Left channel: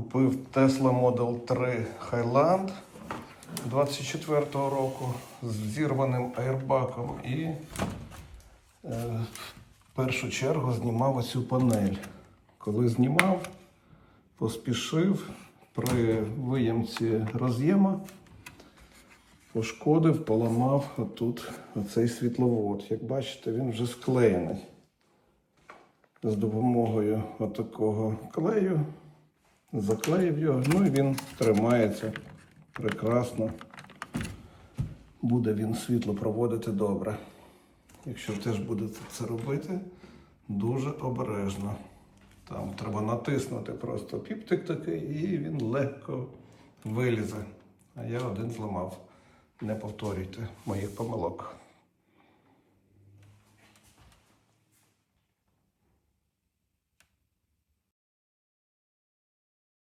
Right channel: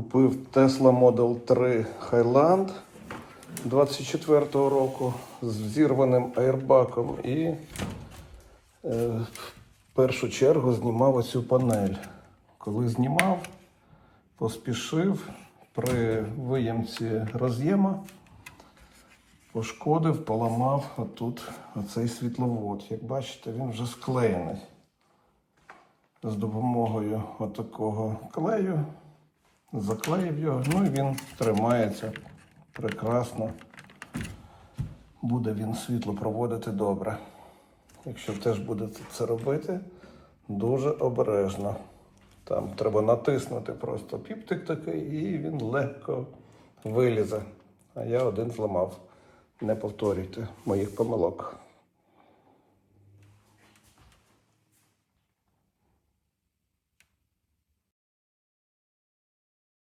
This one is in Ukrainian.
Купив Tesla Model 3 Highland 24-го року з зірваним аербаком і е, в першу чергу знімав оцю панель. Коли знімав, поспішив при виємці роз'єма, пошкодив, поламав отут оцей світловод. Як бачите, він вже склеєний. З допомогою отакого клею заклеїв його, ну і він тримається прекрасно. Буде він світло проводити добре. Якщо теж будете це робити, дуже обережно. Там треба натиснути просто піптик такий, і він легко вилізе. А я один зламав. Не повторюйте моїх помилок.